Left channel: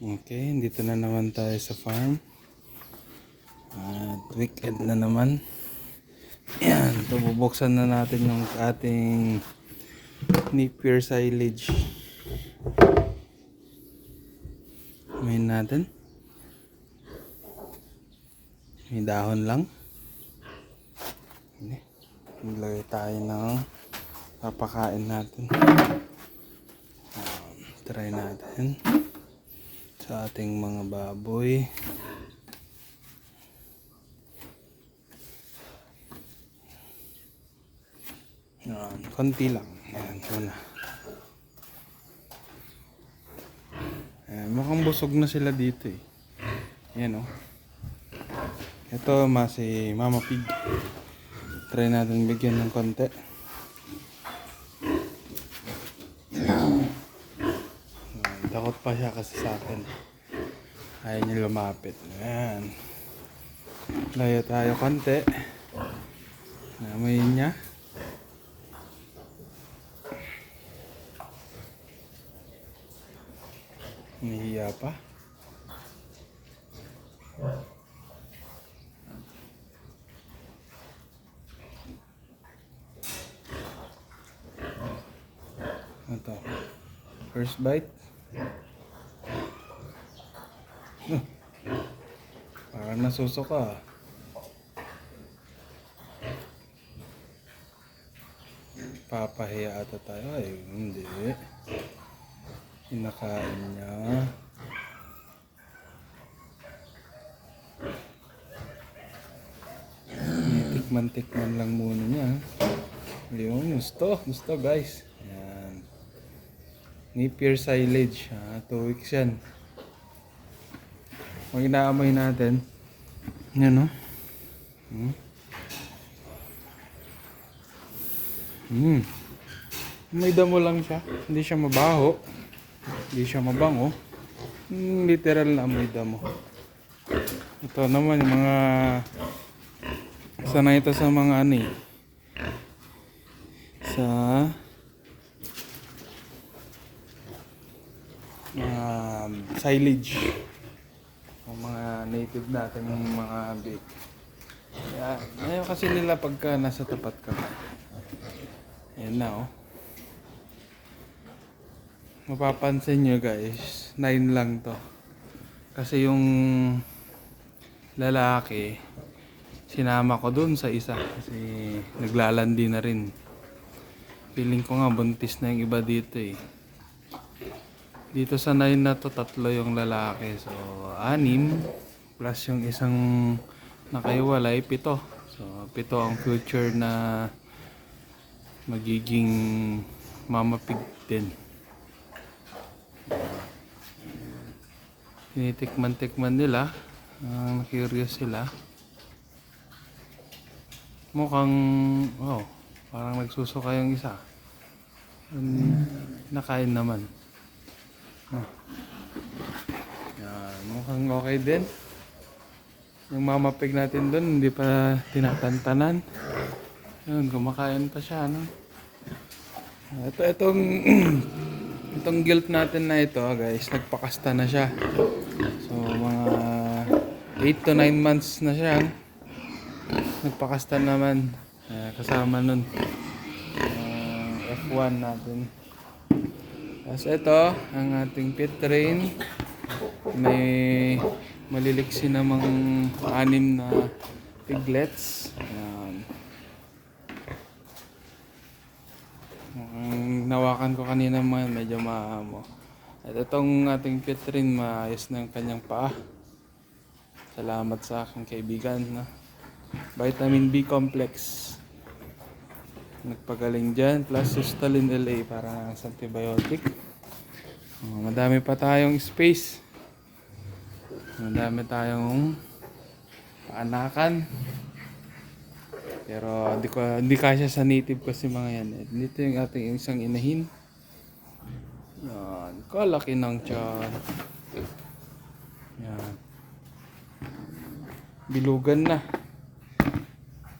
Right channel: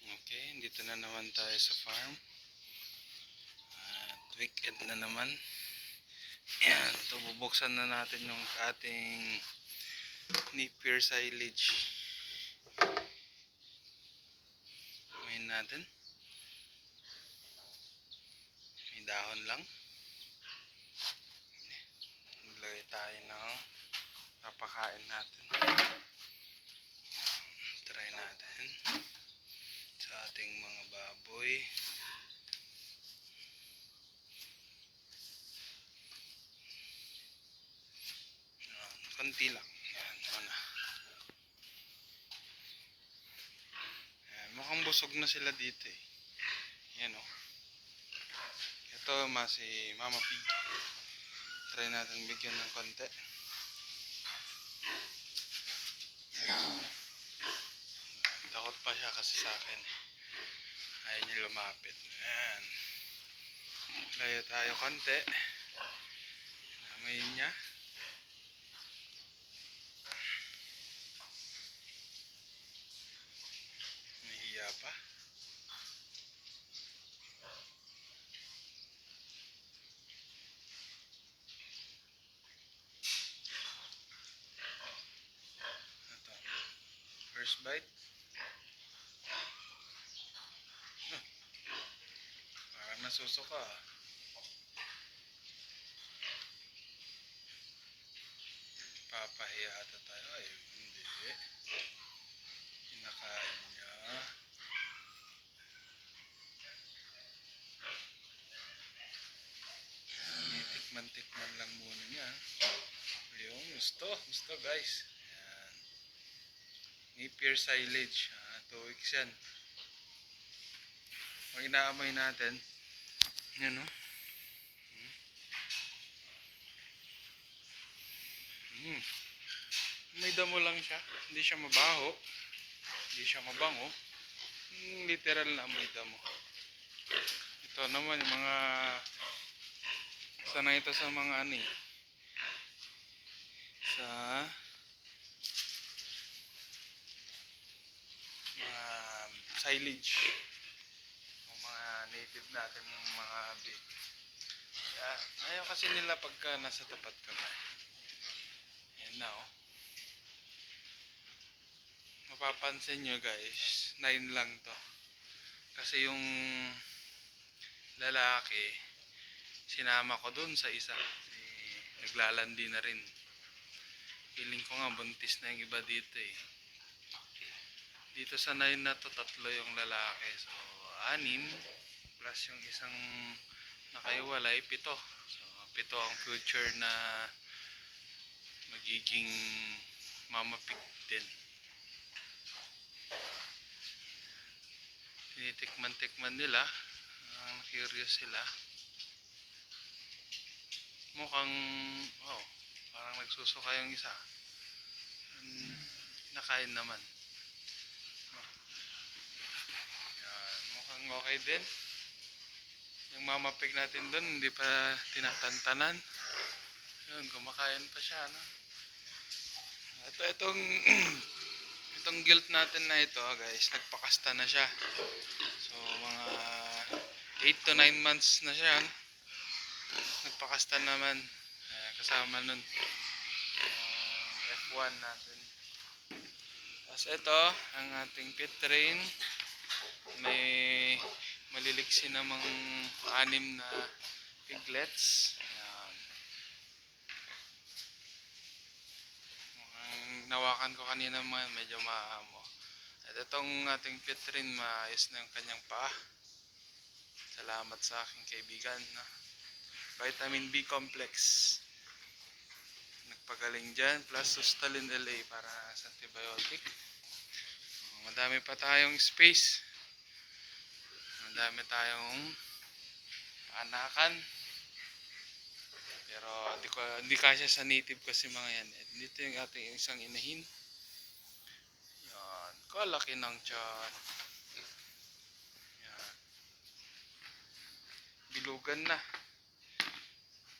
Okay, dito na naman tayo sa farm. At weekend na naman. Yan, ito bubuksan na natin yung ating Napier silage. Ngayon natin. May dahon lang. Maglagay tayo ng papakain natin. Try natin sa ating mga baboy. Yan, konti lang. Yan, muna. Yan, mukhang busog na sila dito eh. Yan o. Ito si Mama Pig. Try natin bigyan ng konti. Takot pa siya kasi sa akin. Ayaw niya lumapit. Ayan. Layo tayo konti. Namayin niya. Nahiya pa. Ito. First bite. Parang nasusuka. Papahiya ata tayo. Ay, hindi. Kinakain niya. Tikman lang muna niya. Ayun, gusto guys. Ayan. Napier silage. 2 weeks yan. Pag inaamoy natin, yan o. May damo lang siya. Hindi siya mabaho. Hindi siya mabango. Literal na amoy damo. Ito naman yung mga sanay ito sa mga ano eh. Sa silage. Yung mga native natin yung mga beef. Ayaw kasi nila pagka nasa tapat ka. Ayan na oh. Mapapansin nyo guys, 9 lang to. Kasi yung lalaki, sinama ko dun sa isa. Kasi naglalandi na rin. Feeling ko nga buntis na yung iba dito eh. Dito sa 9 na to, 3 yung lalaki. So 6 plus yung isang nakaiwalay, 7. So 7 ang future na magiging Mama Pig din. Tinitikman nila. Curious sila. Mukhang parang nagsusuka yung isa. Nakain naman. Yan, mukhang okay din. Yung Mama Pig natin dun hindi pa tinatantanan. Yun, kumakain pa siya, no? Itong gilt natin na ito, guys, nagpakasta na siya. So, mga 8 to 9 months na siya. Nagpakasta naman. Kasama nun. F1 natin. Tapos ito, ang ating pit train. May maliliksi namang 6 na piglets. Ayan. Nawakan ko kanina medyo maamo. At itong ating pit train, maayos na yung kanyang paa. Salamat sa aking kaibigan. No? Vitamin B complex. Nagpagaling dyan. Plus Sustalin LA para sa antibiotic. Madami pa tayong space. Madami tayong paanakan. Pero hindi kasya sa native kasi mga yan. Dito yung ating isang inahin. Yan. Kalaki ng tiyan. Yan. Bilugan na.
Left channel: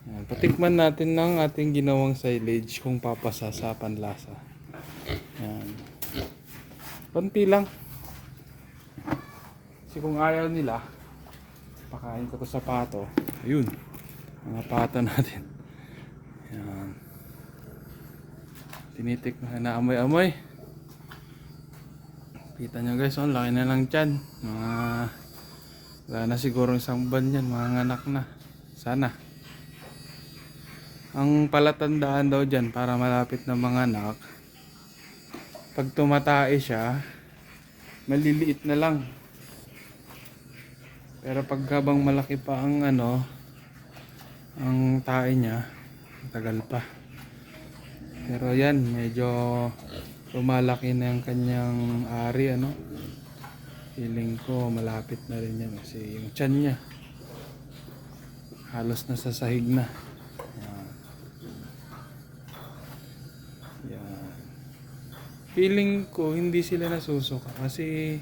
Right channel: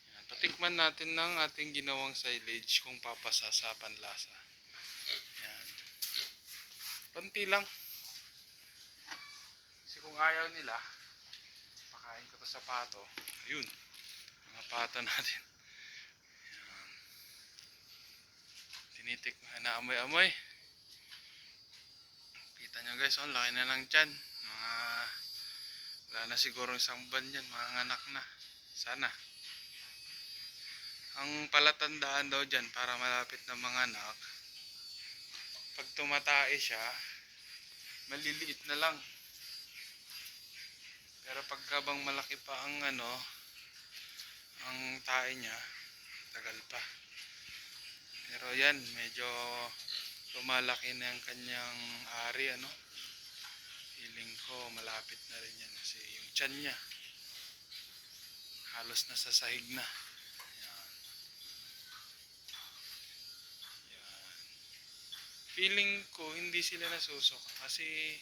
Yan. Patikman natin ng ating ginawang silage kung papasa sa panlasa. Yan. Konti lang. Kasi kung ayaw nila, pakain ko to sa pato. Ayun, mga pato natin. Yan. Tinitik na amoy-amoy. Kita nyo guys, oh, laki na lang tiyan. Wala na siguro isang buwan yan, mga anak na. Sana. Ang palatandaan daw dyan para malapit na mga anak, pag tumatae siya, maliliit na lang. Pero pag habang malaki pa ang ang tae niya, tagal pa. Pero yan, medyo lumalaki na yung kanyang ari, feeling ko malapit na rin yan kasi yung tiyan niya halos nasa sahig na. Yan. Yan. Feeling ko hindi sila nasusuka kasi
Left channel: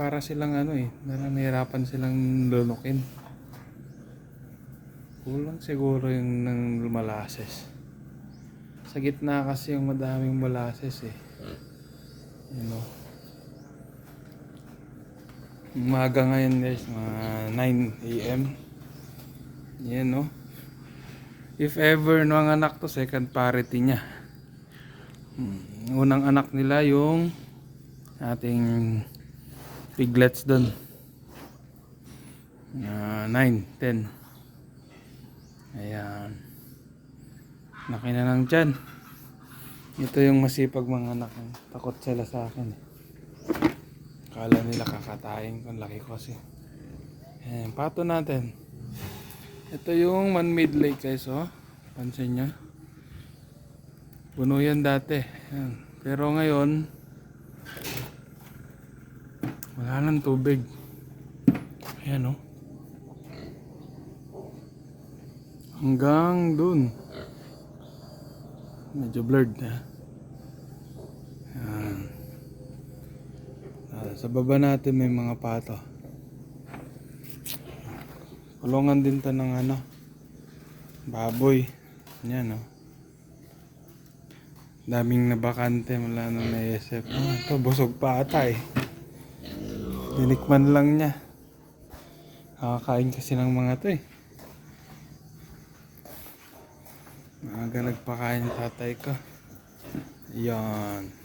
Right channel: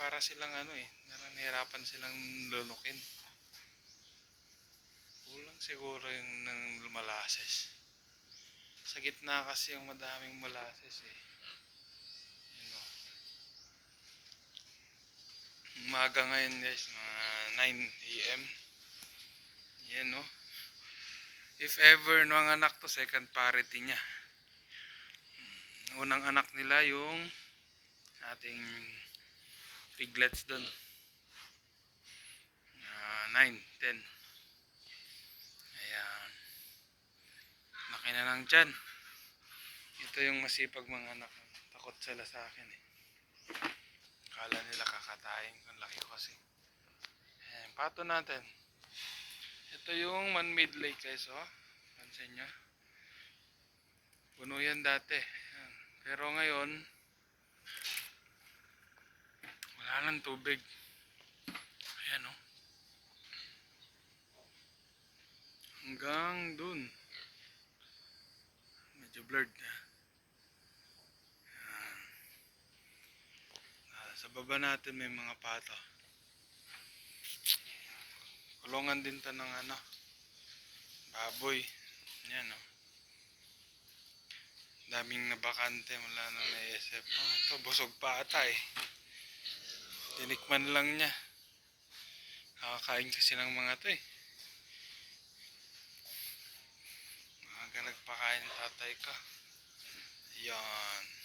para silang nahirapan silang lunukin. Kulang siguro yung ng molasses. Sa gitna kasi yung madaming molasses eh. Umaga ngayon guys, mga 9 AM. Yan no. If ever ang anak to, second parity niya. Unang anak nila yung ating piglets doon. 9, 10. Ayan. Laki na lang dyan. Ito yung masipag mga anak. Takot sila sa akin eh. Akala nila kakatayin ko. Laki ko kasi. Ayan, pato natin. Ito yung man-made lake guys. Oh. Pansin nyo. Puno yan dati. Ayan. Pero ngayon, wala nang tubig. Ayan oh. Hanggang dun. Medyo blurred na. Ayan. Sa baba natin may mga pato. Kulungan din to ng baboy. Yan oh. Daming nabakante, wala nang naisip. Ito busog pa ata eh. Dinikman lang niya. Nakakain kasi ng mga to eh. Maaga nagpakain ng tatay ko. Yan.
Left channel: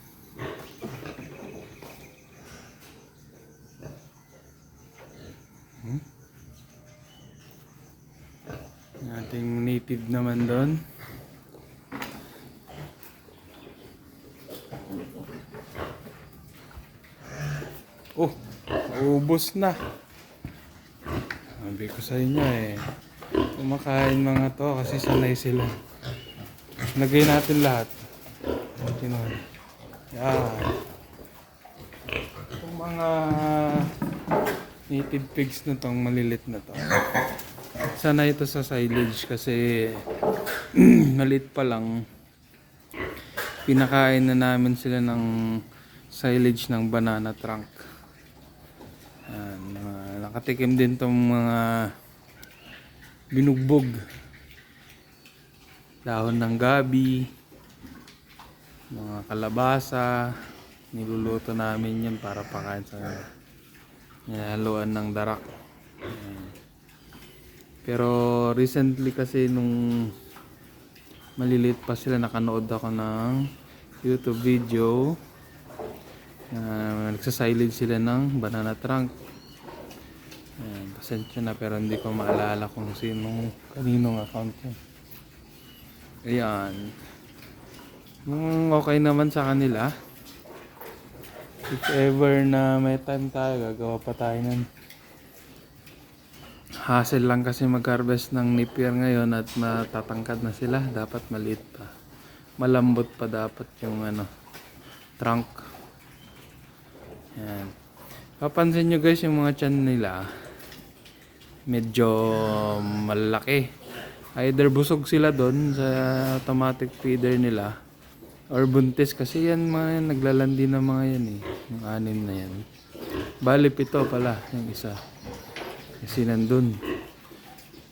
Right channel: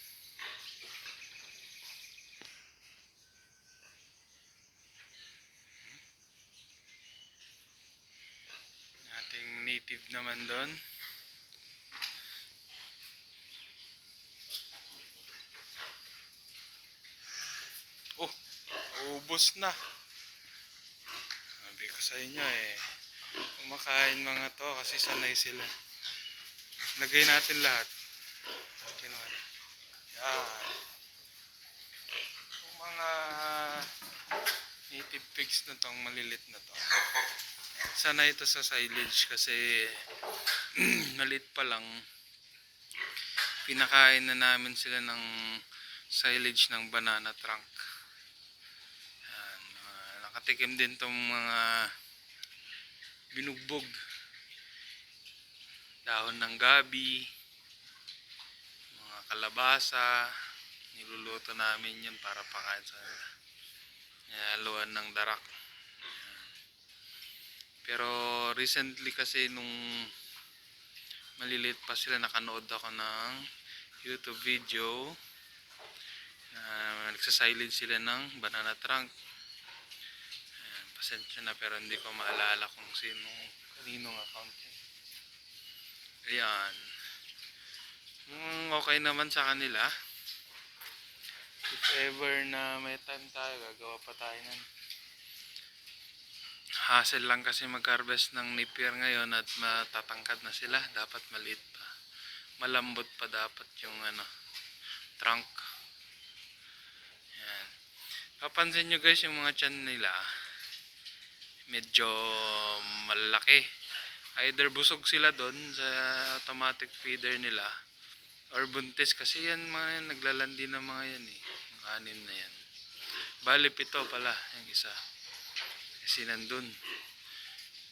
Ating native naman doon. Oh, ubos na. Sabi ko sa inyo eh. Kumakain mga to kasi sanay sila. Lagay natin lahat. Yan. Yung mga native pigs na tong malilit na to. Sanay ito sa silage kasi maliit pa lang. Pinakain na namin sila ng silage ng banana trunk. Yan, nakatikim din tong mga binugbog. Dahon ng gabi, mga kalabasa, niluluto namin yan para pakain sa haluan ng darak. Yan. Pero recently kasi nung maliliit pa sila, nakanood ako ng YouTube video. Nagsasilage sila ng banana trunk. Ayan, pasensya na pero hindi ko maalala kung kaninong account yan. Ayan. Okay naman sa kanila. If ever na may time tayo, gagawa pa tayo nun. Hassle lang kasi mag-harvest ng napier ngayon at matatangkad na sila. Dapat maliit pa. Malambot pa dapat yung trunk. Yan. Papansin nyo guys yung mga tiyan nila. Medyo malaki. Either busog sila doon sa automatic feeder nila. Or buntis kasi yan mga naglalandi na mga yan eh. Yung 6 na yan. Bali 7 pala yung isa. Kasi nandun.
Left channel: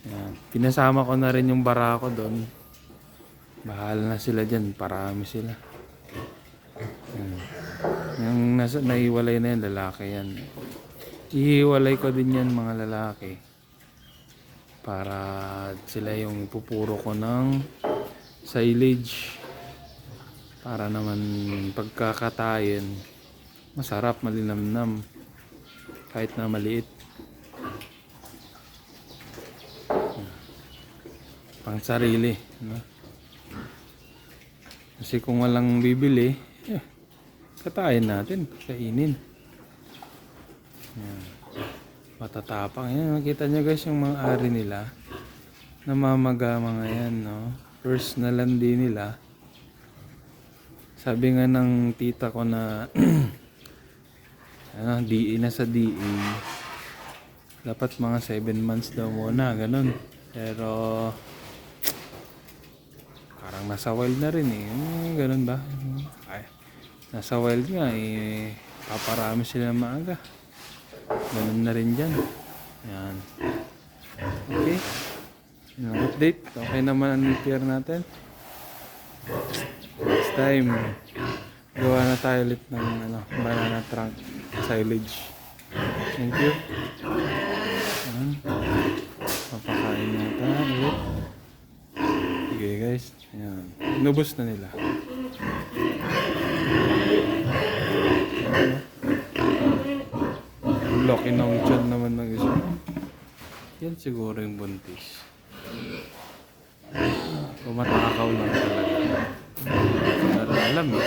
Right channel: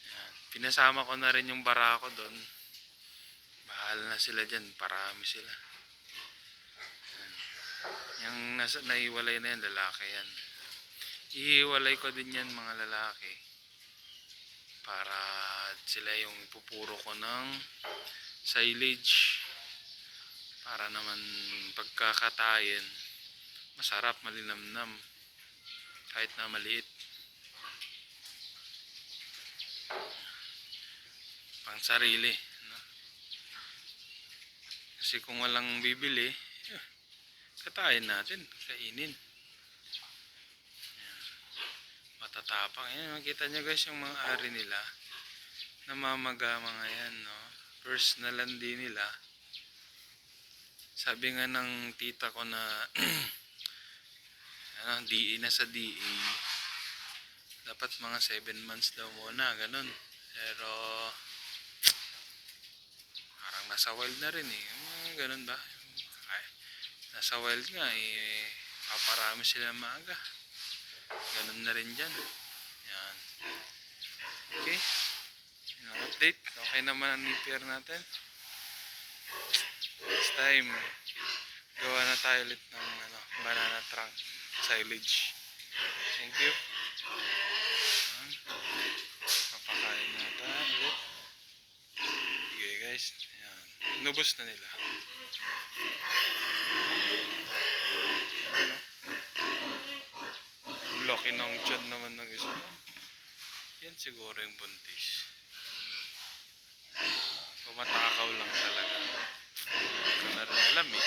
Yan. Pinasama ko na rin yung barako doon. Bahala na sila dyan. Parami sila. Yan. Yung naiwalay na yan, lalaki yan. Ihiwalay ko din yan mga lalaki. Para sila yung ipupuro ko ng silage. Para naman pagkakatayin, masarap, malinamnam. Kahit na maliit. Pang sarili. No? Kasi kung walang bibili, katayin natin, kainin. Yan. Matatapang. Yan, makita nyo guys yung mga ari nila. Namamaga mga yan, no? First na landi nila. Sabi nga ng tita ko na ano, DE na sa DE. Dapat mga 7 months daw muna, ganun. Pero parang nasa wild na rin eh. Ganun ba? Ay, nasa wild nga eh. Paparami sila maaga. Ganun na rin dyan. Yan. Okay. Yun ang update. Okay naman ang nipir natin. Next time, gawa na tayo ulit ng banana trunk silage. Thank you. Yan. Papakain natin ulit. Okay guys. Yan. Inubos na nila. Laki ng tiyan naman ng isa. Yan siguro yung buntis. Pumatakaw lang talaga. Para alam eh.